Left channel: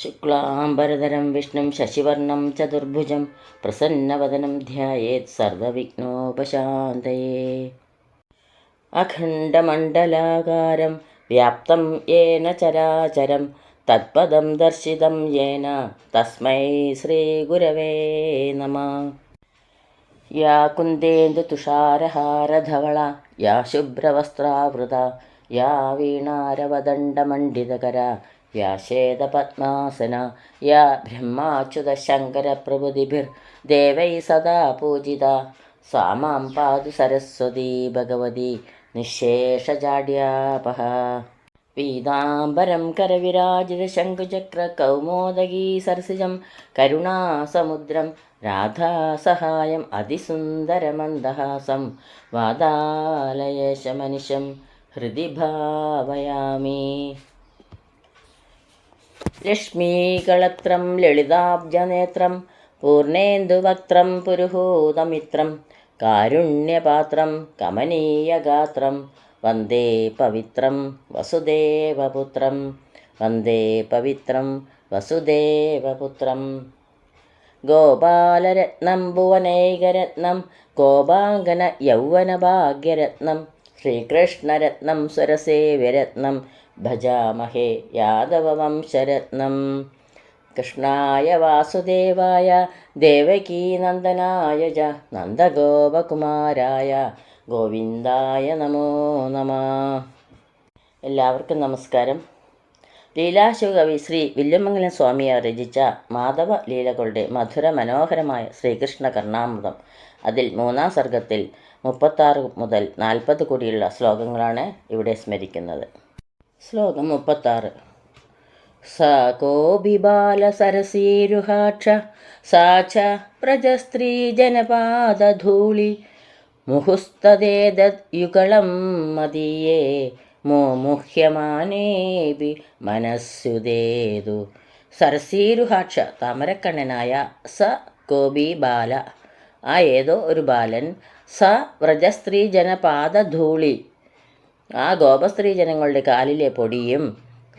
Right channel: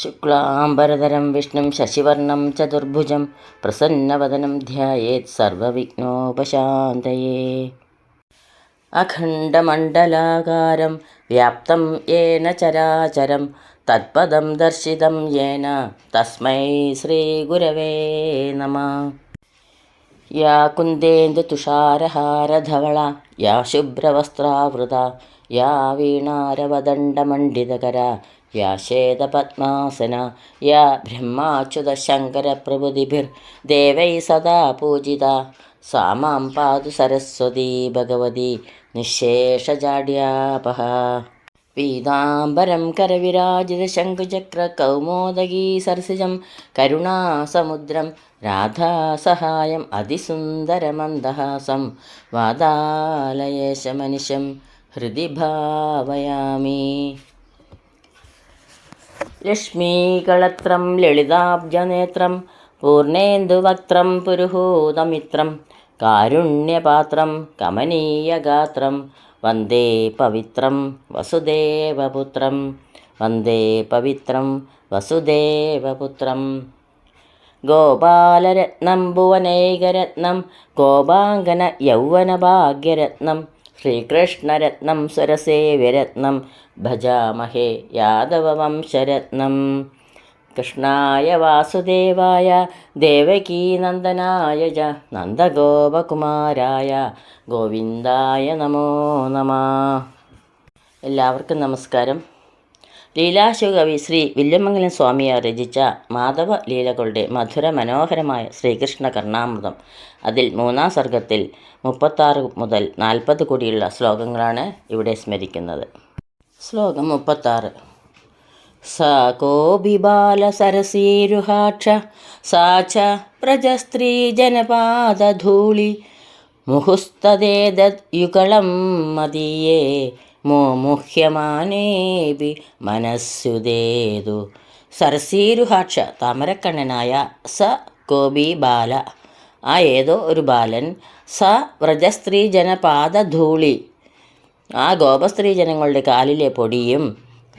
ശുക്ലാംബരധരം വിഷ്ണും ശശിവർണം ചതുർഭുജം പ്രസന്നവദനം ധ്യായേത് സർവവിഘ്നോപശാന്തയേ. അഖണ്ഡമണ്ഡലാകാരം വ്യാപ്തം യേന ചരാചരം തത്പദം ദർശിതം യേന തസ്മൈ ശ്രീഗുരവേ നമഃ. യാ കുന്ദേന്ദുതുഷാരഹാരധവള യാ ശുഭ്രവസ്ത്രാവൃത യാ വീണാരവദണ്ഡമണ്ഡിതകര യാ ശ്വേതപദ്മാസന യാ ബ്രഹ്മാച്യുതശങ്കരപ്രഭൃതിഭിർദേവൈ സദാ പൂജിത സാ മാം പാതു സരസ്വതീ ഭഗവതി നിശ്ശേഷജാഡ്യാപഹ. പീതാംബരം കരവിരാജിതശംഖുചക്രകൗമോദഗീ സരസിജം കരുണാസമുദ്രം രാധാസഹായം അതിസുന്ദരമന്ദഹാസം വാതാലയേശമനിശം ഹൃദി ഭാവയാമി. ലക്ഷ്മീകളത്രം ലളിതാബ്ജനേത്രം പൂർണേന്ദുവക്ത്രം പുരുഹൂതമിത്രം കാരുണ്യപാത്രം കമനീയഗാത്രം വന്ദേ പവിത്രം വസുദേവപുത്രം വന്ദേ പവിത്രം വസുദേവപുത്രം. ഗോപാലരത്നം ഭുവനൈകരത്നം ഗോപാംഗന യൗവനഭാഗ്യരത്നം ശ്രീകൃഷ്ണരത്നം സ്വരസേവ്യരത്നം ഭജാമഹേ യാദവവംശരത്നം. കൃഷ്ണായ വാസുദേവായ ദേവകീനന്ദനായ ച നന്ദഗോപകുമാരായ ഗോവിന്ദായ നമോ നമഃ. എല്ലാവർക്കും നമസ്കാരം. ലീലാശുകവി ശ്രീ വില്വമംഗലം സ്വാമിയാർ രചിച്ച മാധവ ലീലകളുടെ മധുര മനോഹരമായ ശ്രീകൃഷ്ണ കർണാമൃതം, അതിൽ 3-ാം സർഗത്തിൽ 36 മുതൽ 40 കൂടിയുള്ള ശ്ലോകങ്ങളാണ് ഇവിടെ സ്മരിക്കുന്നത്. ശ്ലോകം 36. സ കോപി ബാലസരസീരുഹാക്ഷ സാ ച പ്രജസ്ത്രീ ജനപാദധൂളി മുഹുസ്തദേദത് യുഗളം മദീയേ മോമുഹ്യമാനേപി മനസ്സുദേതു. സരസീരുഹാക്ഷ താമരക്കണ്ണനായ സ കോപി ബാല ആ ഏതോ ഒരു ബാലൻ സ വ്രജസ്ത്രീ ജനപാദധൂളി ആ ഗോപസ്ത്രീ ജനങ്ങളുടെ കാലിലെ പൊടിയും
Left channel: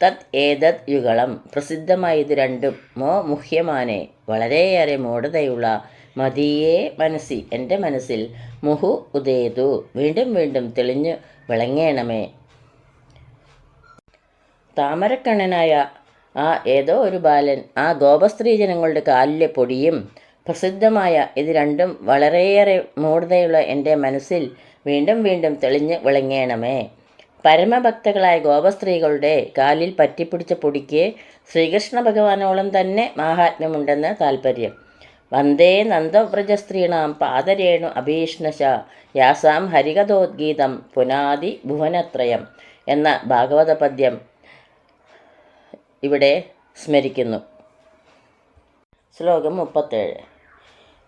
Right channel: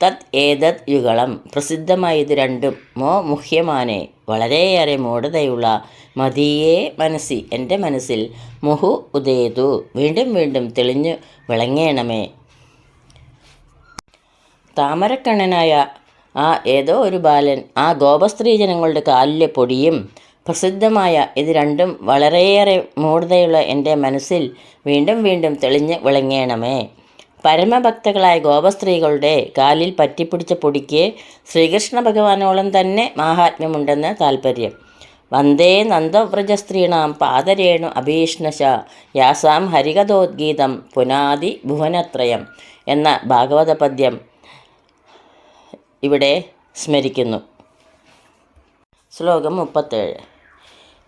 തത് ഏതത് യുഗളം പ്രസിദ്ധമായ ഇത് രണ്ടും മോ മുഹ്യമാനെ വളരെയേറെ മൂഢതയുള്ള മതിയേ മനസ്സി എൻ്റെ മനസ്സിൽ മുഹു ഉദേതു വീണ്ടും വീണ്ടും തെളിഞ്ഞു വിളങ്ങേണമേ. താമരക്കണ്ണനായ ആ ഏതോ ഒരു ബാലൻ ആ ഗോപസ്ത്രീ ജനങ്ങളുടെ കാലിലെ പൊടിയും പ്രസിദ്ധമായ ഇത് രണ്ടും വളരെയേറെ മൂഢതയുള്ള എൻ്റെ മനസ്സിൽ വീണ്ടും വീണ്ടും തെളിഞ്ഞ് വിളങ്ങേണമേ. പരമഭക്തകളായ ഗോപസ്ത്രീകളുടെ കാലിൽ പറ്റിപ്പിടിച്ച പൊടിക്ക് ശ്രീകൃഷ്ണ ഭഗവാനോളം തന്നെ മാഹാത്മ്യമുണ്ടെന്ന് താൽപ്പര്യം. വന്ദേ നന്ദവ്രജസ്ത്രീണാം പാദരേണു അഭീഷ്ണശ യാസാം ഹരികഥോദ്ഗീതം പുനാദി ഭുവനത്രയം എന്ന ഭാഗവത പദ്യം ഇവിടെ സ്മരിക്കുന്നു. ശ്ലോകം 37.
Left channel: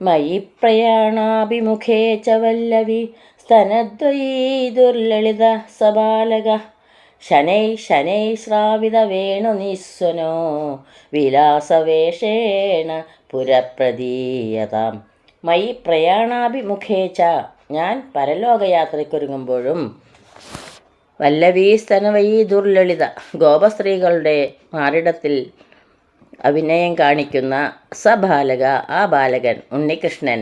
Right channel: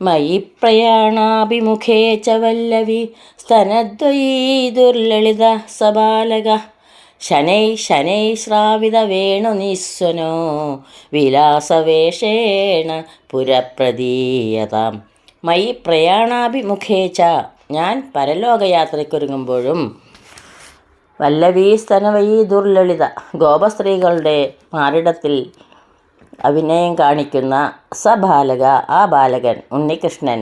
മയി പ്രയാണാഭിമുഖേ ച വല്ലവി സ്തനദ്വയീ ദുർലളിത സബാലക ശനൈ ശനൈ ശ്രാവിത വേണുനിസ്വനോ വിലാസവേഷേണ പുരപ്രദീയതാം. മയി പ്രയാണാഭിമുഖേ ച ഞാൻ പരലോകയാത്രയ്ക്കൊരുങ്ങുമ്പോഴും വല്ലവീ സ്തനവയീ ദുർലളിത ഗോപസ്ത്രീകളുടെ മാറിടത്തിൽ അഭിനയം കാണിക്കുന്ന സബാലക ആ ബാലകൻ ഉണ്ണികൃഷ്ണൻ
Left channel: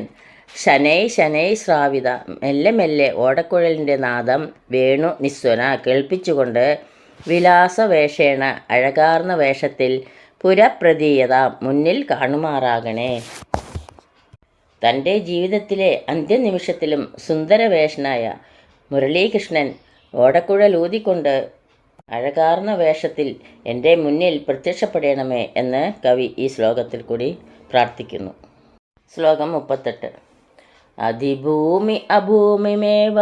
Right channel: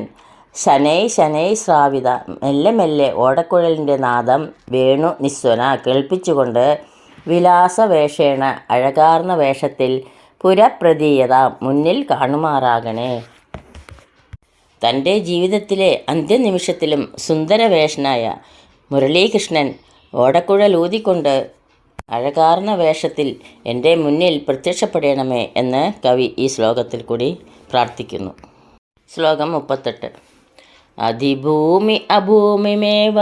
ശനൈ ശനൈ ശ്രാവിത മെല്ലെ മെല്ലെ ഓടക്കുഴലിൻ്റെ നാദം വേണു നിസ്വന കേൾപ്പിച്ചുകൊണ്ട് വിലാസവേഷേണ അഴകാർന്ന വേഷത്തിൽ പുരപ്രതീയത മുന്നിൽ കാണുമാറാകണേ. തൻ്റെ ജീവിതത്തിലെ അന്ത്യനിമിഷത്തിലും സുന്ദരവേഷനായ മുരളീകൃഷ്ണൻ ഓടക്കുഴലൂതിക്കൊണ്ട് അഴകാർന്ന വേഷത്തിൽ എൻ്റെ മുന്നിൽ പ്രത്യക്ഷപ്പെടണമേ എന്ന് കവി ഈ ശ്ലോകത്തിൽ കൂടി പ്രാർത്ഥിക്കുന്നു. ശ്ലോകം 38. അധിഭൂമി അഭൂമിമേവ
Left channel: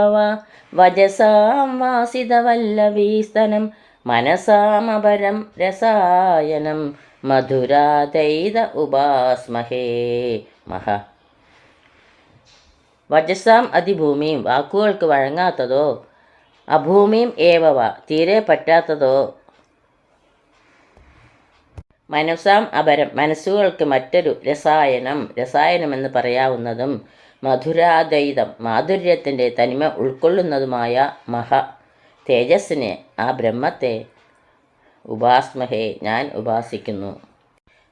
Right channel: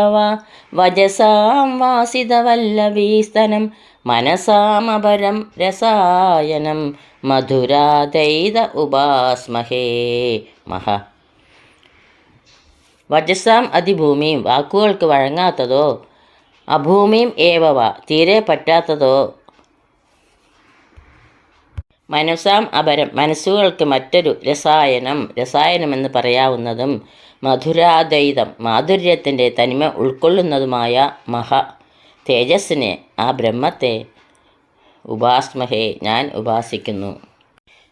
വജസാം വാസിതവല്ലഭീസ്തനം മനസാമപരം രസായനം മധുരാദൈത ഉപാസ്മഹേ മഹ. വജസാം അതിഭൂമിയും വാക്കുകൾക്ക് വഴങ്ങാത്തതോ അഭൂമിയും ഏവവ തീരെ പറ്റാത്തതോ മനസാം അപരം മനസ്സുകൾക്ക് മറ്റൊരു രസായനമെന്ന് പറയാവുന്നതും മധുരാദ്വൈതം മാധുര്യത്തിൻ്റെ തനിമ ഉൾക്കൊള്ളുന്നതുമായ മഹ തേജസ്സിനെ ആ ബ്രഹ്മത്തെ ഉപാസ്മഹേ ഞാൻ ഉപാസിക്കുന്നു.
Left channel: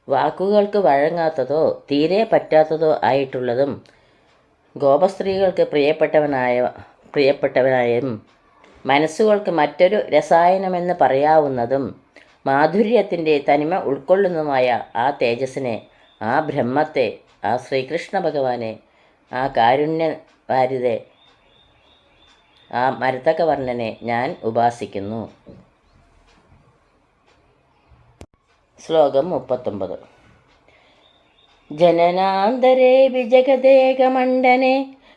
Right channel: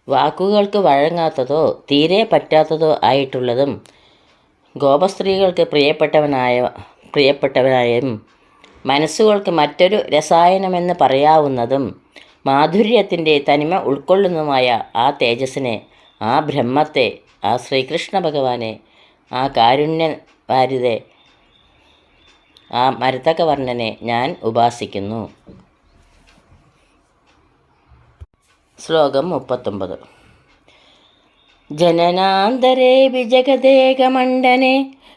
വാക്കുകൾക്ക് വഴങ്ങാത്തതോ തീരെ പറ്റാത്തതോ ആയിട്ടുള്ളതും ഗോപസ്ത്രീകൾക്ക് പ്രിയപ്പെട്ടവനായും മനസ്സുകൾക്ക് മറ്റൊരു രസായനമെന്ന് പറയാവുന്നതും മാധുര്യത്തിൻ്റെ തനിമ ഉൾക്കൊള്ളുന്നതുമായ ആ തേജസ്സിനെ, ആ ബ്രഹ്മത്തെ, ആ ശ്രീകൃഷ്ണ ഭഗവാനെ, ആ കാരുണ്യവാരിതെ, ആ മരതകവർണ്ണനെ ഞാൻ ഉപാസിക്കുന്നു. ശ്ലോകം 39. ജനനാന്തരേ വിജഗദേകമണ്ഡനെ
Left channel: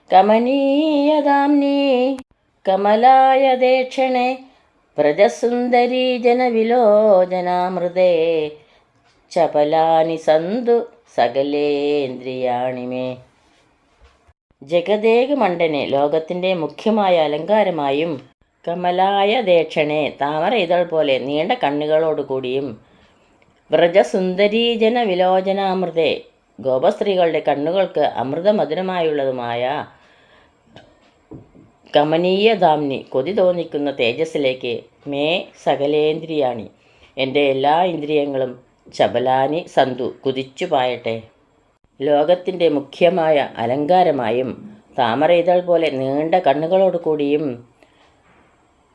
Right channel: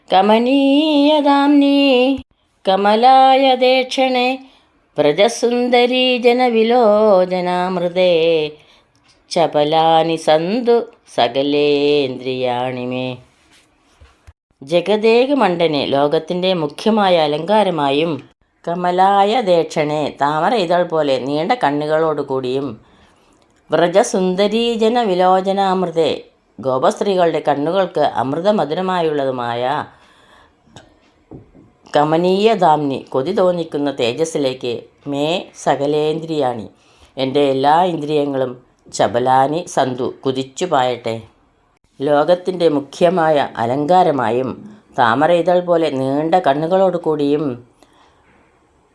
കമനീയദാംനീ കമലായദേക്ഷണേ വ്രജസുന്ദരീ ജനവിലോചനാമൃതേ ചപലാനി സന്തു സകലേന്ദ്രിയാണി മേ. ജഗദേകമണ്ഡനെ ലോകത്തിൻ്റെ മുഖ്യമായ അലങ്കാരമായും കമലായ ദേക്ഷണെ താമര ഇതൾ പോലെ നീണ്ട കണ്ണുകളോടുകൂടിയും വ്രജസുന്ദരീജന വിലോചനാമൃതേ ഗോപസ്ത്രീകളുടെ കണ്ണുകൾക്ക് അമൃതമധുരമായുള്ളതുമായ കമനീയധാംനി കൊതി തോന്നിക്കുന്ന തേജസ്സിലേക്ക് മേ സകലേന്ദ്രിയാണി എൻ്റെ എല്ലാ ഇന്ദ്രിയങ്ങളും ചപലാനി സന്തു കുതിച്ചു പായട്ടെ. ലോകത്തിൻ്റെ മുഖ്യമായ അലങ്കാരമായും താമര ഇതൾ പോലെ നീണ്ട കണ്ണുകളോടുകൂടിയും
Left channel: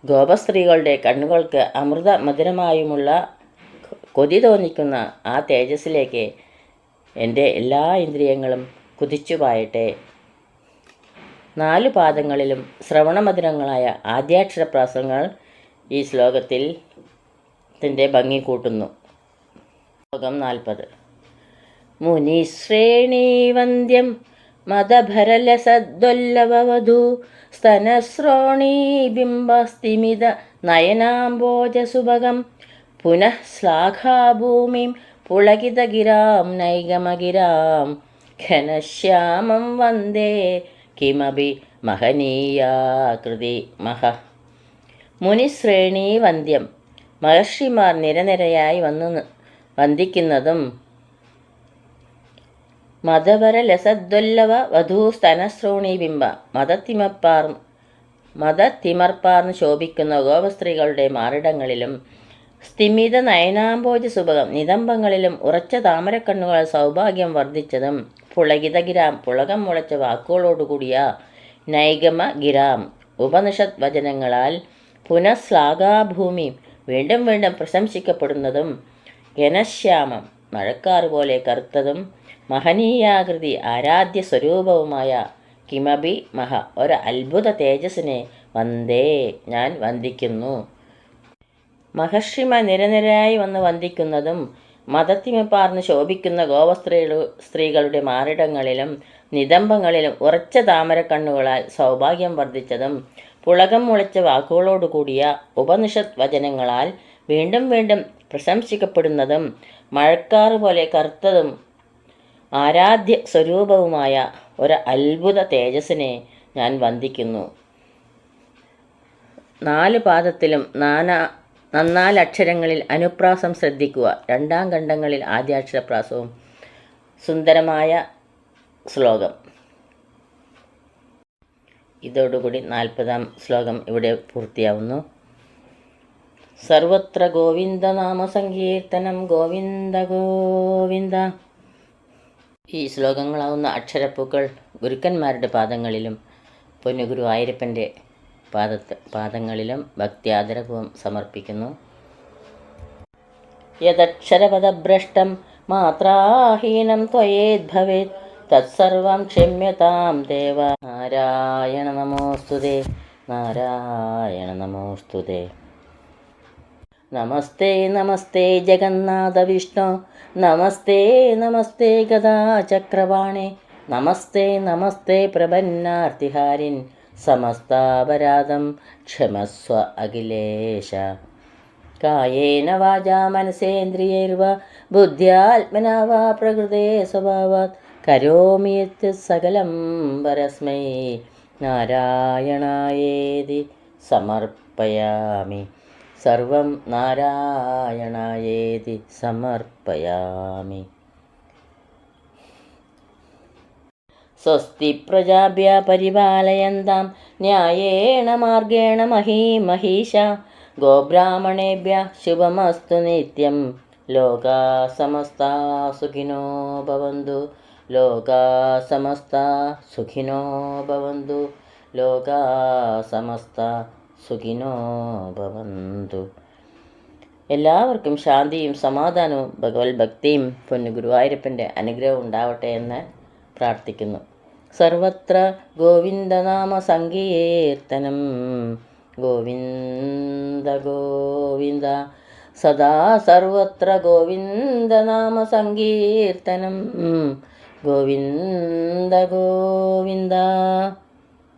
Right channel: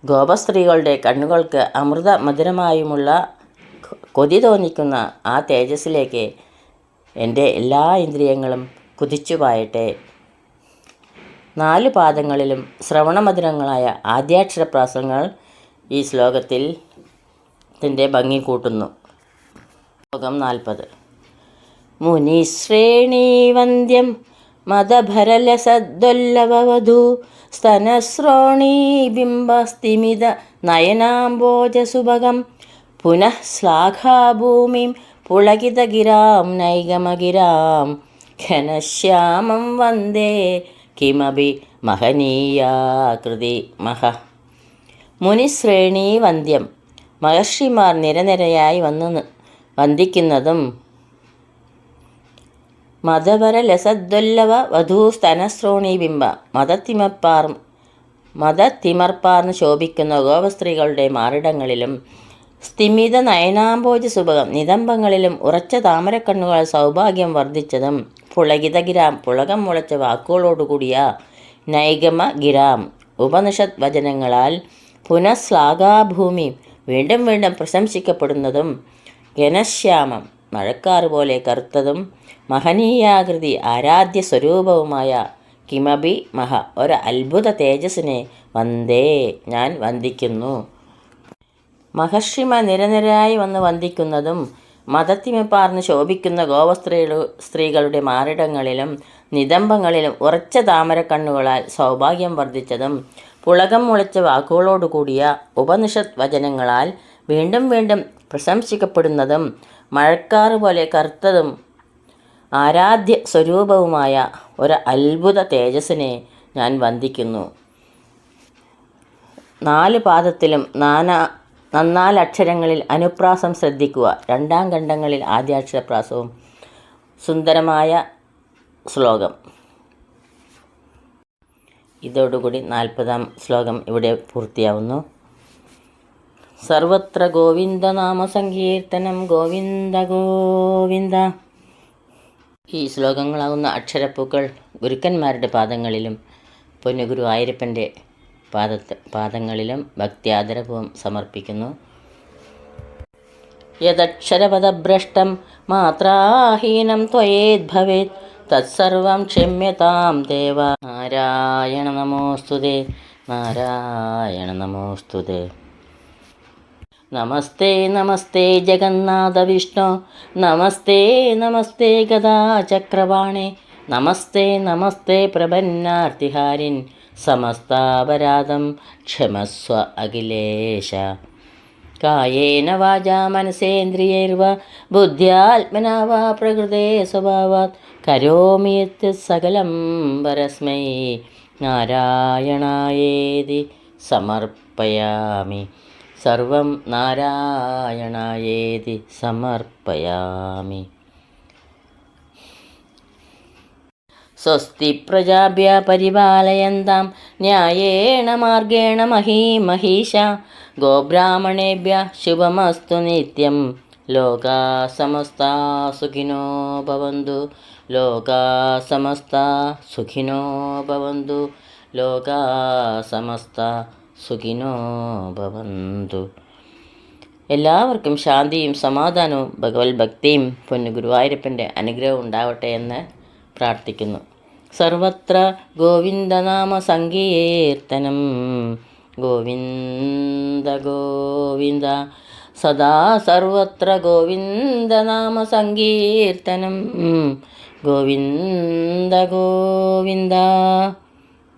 ഗോപസ്ത്രീകളുടെ കണ്ണുകൾക്ക് അമൃത മധുരമായുമുള്ള കൊതി തോന്നിക്കുന്ന ആ തേജസ്സിലേക്ക് എൻ്റെ എല്ലാ ഇന്ദ്രിയങ്ങളും കുതിച്ചു പായട്ടെ. 4 പാദങ്ങളിലും ശ്രവണമധുരങ്ങളായ ആദ്യാക്ഷരപ്രാസങ്ങൾ ഈ ശ്ലോകത്തിൽ ഭംഗി കൂട്ടുന്നു. ശ്ലോകം 40. മുനിശ്രേണീവന്ദ്യം മദഭരലസദ്വല്ലവവധൂ സ്തനശ്രോണീ ബിംബസ്തിമിത നയനാംബോജസുഭഗം പുനഃ ശ്ലാഘാഭൂമിം പുളകിതഗിരാം നൈഗമഗിരാം ഘനശ്യാമം വന്ദേ കിമപി മഹനീയാകൃതി മഹ. മുനിശ്രേണീ വന്ദ്യം മഹർഷിമാർ നിരനിരയായി വന്ദിക്കുന്നതും മദവരലസദ്വല്ലവ വധൂസ്തനശ്രോണീ ബിംബ മദത്തിമർപ്പാർന്ന് ശോഭിക്കുന്ന ഗോപസ്ത്രീകളുടെ മാറിടങ്ങളിലും സ്തിമിത നയനാംബോജ സുഭകം നിതംബങ്ങളിലും ഉറച്ച താമരക്കണ്ണുകൾ സൗഭാഗ്യം വർദ്ധിച്ചതും പുളകിതഗിരാം പുളകം മുളച്ച വാക്കുകളോടുകൂടിയ നൈഗമ ഗിരാം ഉപനിഷത് വചനങ്ങളാൽ പുനഃശ്ലാഘാഭൂമി വീണ്ടും വീണ്ടും പ്രശംസിക്കപ്പെടുന്നതും ഘനശ്യാമം മഴക്കാറ് പോലെ കറുത്തതും മഹനീയാകൃതി ആരാധ്യ സ്വരൂപവുമായ കിമബി മഹ ഒരു അത്ഭുത തേജസ്സിനെ വന്ദേ ഞാൻ വന്ദിക്കുന്നു. മഹർഷിമാർ നിരനിരയായി വന്ദിക്കുന്നതും മദത്തിമപ്പാർന്ന് ശോഭിക്കുന്ന സ്ത്രീകളുടെ മാറിടങ്ങളിലും നിതംബങ്ങളിലും ഉറച്ച താമരക്കണ്ണുകളാൽ സൗഭാഗ്യം വർദ്ധിച്ചതും പുളകം മുളച്ച വാക്കുകളോടുകൂടിയ ഉപനിഷത് വചനങ്ങളാൽ വീണ്ടും വീണ്ടും പ്രശംസിക്കപ്പെടുന്നതും മഴക്കാറ് പോലെ കറുത്തതും ആരാധ്യ സ്വരൂപവുമായ ഒരു അത്ഭുത തേജസ്സിനെ ഞാൻ വന്ദിക്കുന്നു. 4 പാദത്തിലും 4 അക്ഷരങ്ങളിൽ അനുപ്രാസം ശ്രദ്ധിക്കുക. 2 ഖണ്ഡങ്ങളിൽ ആദ്യാക്ഷരപ്രാസവും. സുന്ദരമായ ശ്ലോകം. ഇതോടുകൂടി 40-ാം ശ്ലോകം ഇവിടെ പൂർത്തിയാവുന്നു. സർവത്ര ഗോവിന്ദനാമ സങ്കീർത്തനം ഗോവിന്ദ ഗോവിന്ദ. ഈ ശ്ലോകങ്ങളാവുന്ന അക്ഷരപ്പൂക്കൾ ഗുരുക്കന്മാരുടെ പാദങ്ങളിലും പൊന്നുഗുരു ആയിരപ്പൻ്റെ പാദങ്ങളിലും ഭക്ത്യാദരപൂർവ്വം സമർപ്പിക്കുന്നു. യദക്ഷരപദഭ്രഷ്ടം മാത്രാഹീനം ത്വയേദ്ഭവേത് തത്സർവം ക്ഷമ്യതാം ദേവ. നാരായണ നമോസ്തുതേ, നാരായണ നമോസ്തുതേ. നമസ്തേ നമസ്തേ ജഗന്നാഥ വിഷ്ണു, നമസ്തേ നമസ്തേ ഗദാചക്രവാണേ, നമസ്തേ നമസ്തേ പ്രപന്നാർത്തിഹാരിൻ, സമസ്താപരാധം ക്ഷമസ്വ അഖിലേശ. കായേന വാചാ മനസേന്ദ്രിയൈർവാ ബുദ്ധ്യാത്മനാ വാ പ്രകൃതേ സ്വഭാവാത് കരോമി യത് സകലം പരസ്മൈ നാരായണായേതി സമർപ്പയാമി. സർവം നാരായണായേതി സമർപ്പയാമി. സ്വസ്തി പ്രജാഭ്യഃ പരിപാലയന്താം ന്യായേണ മാർഗേണ മഹീമഹീഷാ. ഗോബ്രാഹ്മണേഭ്യഃ ശുഭമസ്തു നിത്യം. ലോകാ സമസ്ത സുഖിനോ ഭവന്തു. ലോകാ സമസ്ത സുഖിനോ ഭവന്തു. ലോകാ സമസ്ത സുഖിനോ ഭവന്തു. എല്ലാവർക്കും ശാന്തിയും സമാധാനവും ഭഗവത് ഭക്തിയും പൊന്നു ഗുരുവായൂരപ്പൻ്റെ അനുഗ്രഹം ഉണ്ടാവട്ടെ എന്ന് പ്രാർത്ഥിക്കുന്നു. സർവത്ര ഗോവിന്ദനാമ സങ്കീർത്തനം. ഗോവിന്ദ ഗോവിന്ദ സദാ സർവത്ര ഗോവിന്ദനാമ സങ്കീർത്തനം. ഗോവിന്ദ ഗോവിന്ദ.